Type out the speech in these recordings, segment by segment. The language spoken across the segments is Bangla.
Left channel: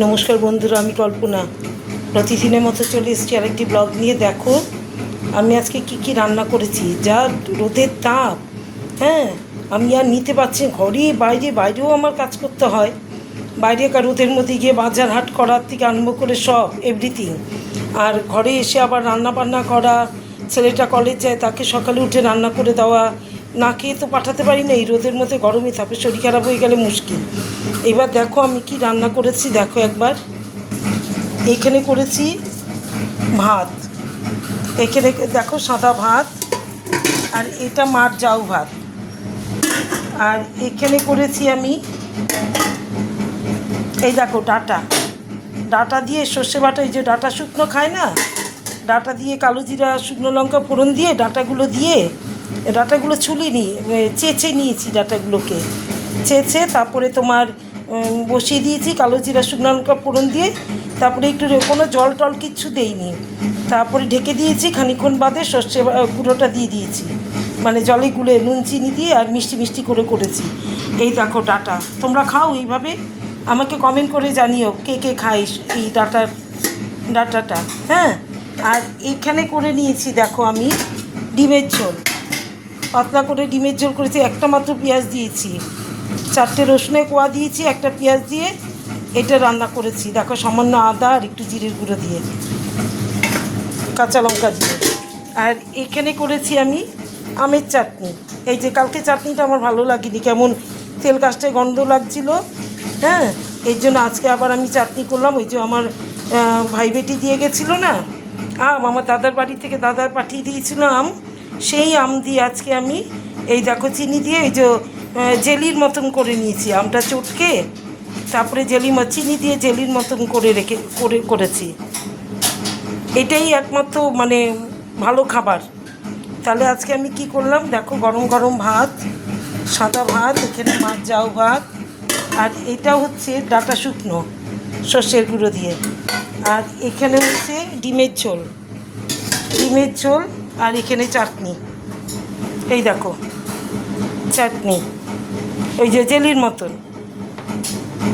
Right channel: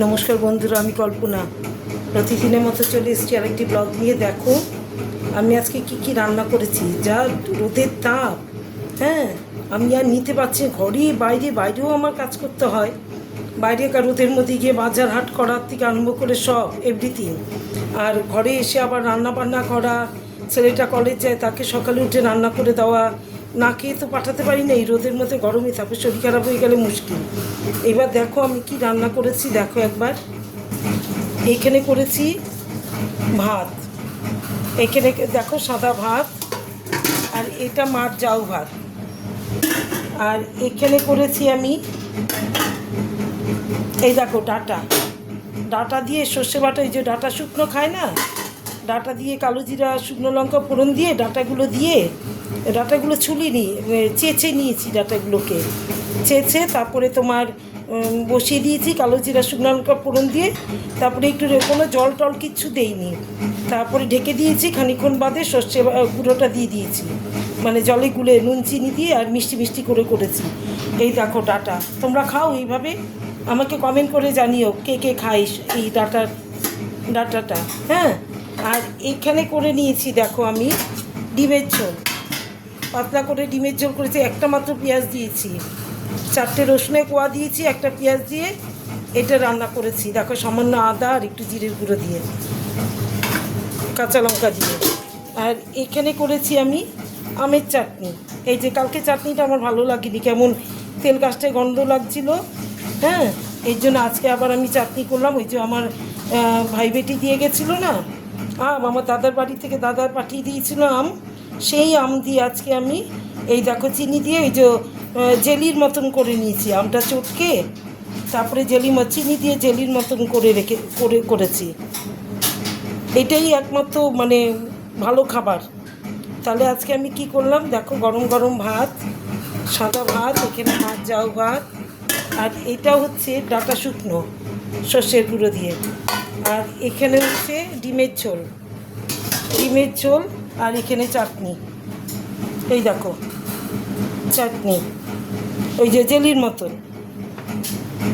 নমস্কার বন্ধুরা, আমি কল্পনা প্রতিদিনের মতো চলে এসেছি আরেকটি ব্লগ নিয়ে। দেখো আমি আজকে কি রান্না করেছি। যা রোদের তাপ, হ্যাঁ, আমি আর নিতে পারছি। ঘরে বাইরেও আমার কাজ করতে হয়। বাইরে রোদের মধ্যে গিয়ে বাজার হাট করার থেকে আরম্ভ করে সব এভরিথিং, আর ঘরে এসে আবার রান্না বান্না করা। ছেলেটা কলেজ যায়, তাকে সকালে উঠে রান্না করে দেওয়া। না খেয়ে তো পাঠাতে পারি না, এই রোদের মধ্যে গরমে থাকে, শরীর খারাপ হয়ে গেলে মুশকিল। এবার দেখো আমি কি রান্না করেছি, দেখো একবার। এখানে করেছি ভাত, এখানে দেখো সাদা ভাত, আর এটা মার জাউ ভাত। আর এখানে করেছি আমি, এই দেখো ডাটা দিয়ে সর্ষে বাটা, এই যে ডাটা শুকনো খায় না, ডাটা দিয়ে কালো জিরা শুকনো লঙ্কা ফোড়ন দিয়ে ডাটাগুলো ছুলিনি, চেঁচে নিয়েছি ডাটাগুলোকে। চেঁচে তারপরে তোমার বসিয়ে দিয়েছি কালো জিরা শুকনো লঙ্কা ফোড়ন দিয়ে। তারপরে একটু কোনো জল টল কিচ্ছু দেইনি, তারপরে ঢেকে দিয়েছি। খানিক্ষণ বাদে সর্ষে গুঁড়োটা দিয়ে দিয়েছি, মানে জলে গুলে নুন চিনি দিয়ে আর মিষ্টি করে করেছি। এই দেখো ডাটা, তোমরা খাও এইভাবে? আমাকে কমেন্ট করে জানিও কে খাইস এই ডাটাটা। হ্যাঁ, আর এখানে করে নিয়েছি দেখো আমি ডিমের ঝোল, পাতলা করে ডিমের ঝোল করেছি। একটা মাত্র পেঁয়াজ দিয়েছি, 4টে রসুনের কোয়া দিয়েছি, একটা পেঁয়াজ দিয়ে এটা রান্না করেছি। দেখো সামান্য আদা আর একটু জিরের গুঁড়ো দিয়ে, কাঁচা লঙ্কা দিয়ে। আর এখানে করেছি আমি আমের চাটনি। এই যে কালকে চাটনিটা আমার ভালো লাগেনি, কেমন তেল কাস্টে গন্ধ লাগছিল। হ্যাঁ, এই জন্য আজকে আবার আমি চাটনি করলাম। ওই যে আমার ভাই বেটি দিয়ে গেছিলো না আম, আমার দাদার বাড়ি থেকে দাদার পাঠিয়ে দিয়েছিল আম, সেই আম দিয়ে আজকে আমি এই দেখো চিনি দিয়ে এই যে জেলির মতন করে নিয়েছি। আমটা চটকে তারপরে চিনি দিয়ে জেলির মতন করেছি। এটাই একমাত্র মানে ভালো খাবার। তাহলে আজকে আমি কি করলাম দেখো, গরম গরম ভাত, সাদা ভাত, এখানে মাছ জাউ ভাত, আর এটা হচ্ছে ডাটা শুকনো সর্ষের গুঁড়ো দিয়ে। আর এখানে হচ্ছে ডিমের ঝোল, আর এখানে চাটনি। এই দেখো চাটনি, ওই যে জেলির মতন।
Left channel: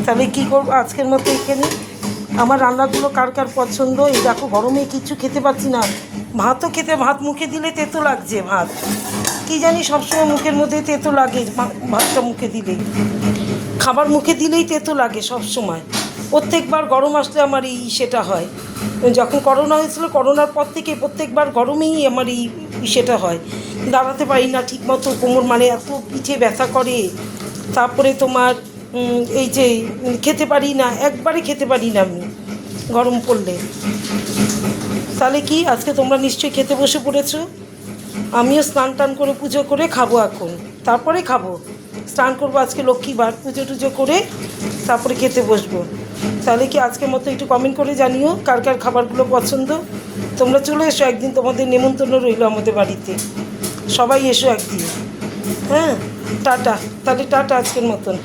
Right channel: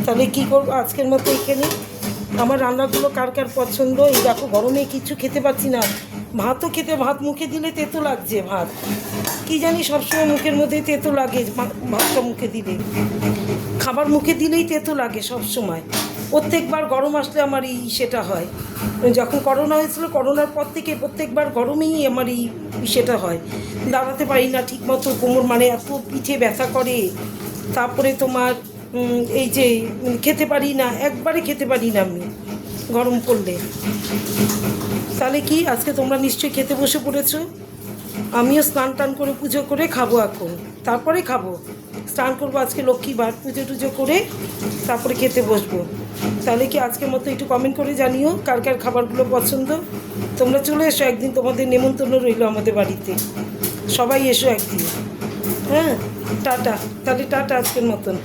তাহলে কী করবো আজকের মতো এখানে। আমার রান্নাগুলো কার পছন্দ। এই দেখো গরমে কিছু খেতে পারছি না, ভাত মুখে দিলে তেতো লাগছে। ভাত কি জানি সবসময় মুখের মধ্যে তেতো লাগে, ভাতটা মুখে দিলেই, খাবার মুখে দিলেই তেতো লাগে সবসময়। প্রত্যেকবার গরম আসলে আমার সেটা হয়। যখন করোনা হয়েছিল, করোনার পর থেকে প্রত্যেকবার গরমেই আমার সেটা হয়। দাঁড়াতে পারি না ঠিকমতো, কোমর মানে এত পিঠে ব্যথা করে। তারপরে তোমার এই যে খেতে পারি না, একবারে খেতে পারি না আমি গরম পড়লে। তাহলে কি আজকে তোমরা নিশ্চয়ই খেতে বসে পড়েছো। আমিও স্নান টান করে পুজো করে খাবো এখন, তারপরে খাবো। স্নান করবো আজকে লক্ষ্মীবার, পুজো টুজো করে তারপরে খেতে বসবো। তাহলে কি আজকের মতো একটু কমেন্ট করে জানিও কার খাবারগুলো পছন্দ। তোমরা চলে এসো একদিন, তোমাদের নেমন্তন্ন রইলো আমাদের বাড়িতে, সবাই এসো একদিন। হ্যাঁ, টাটা। তাহলে টাটা আজকের মতন।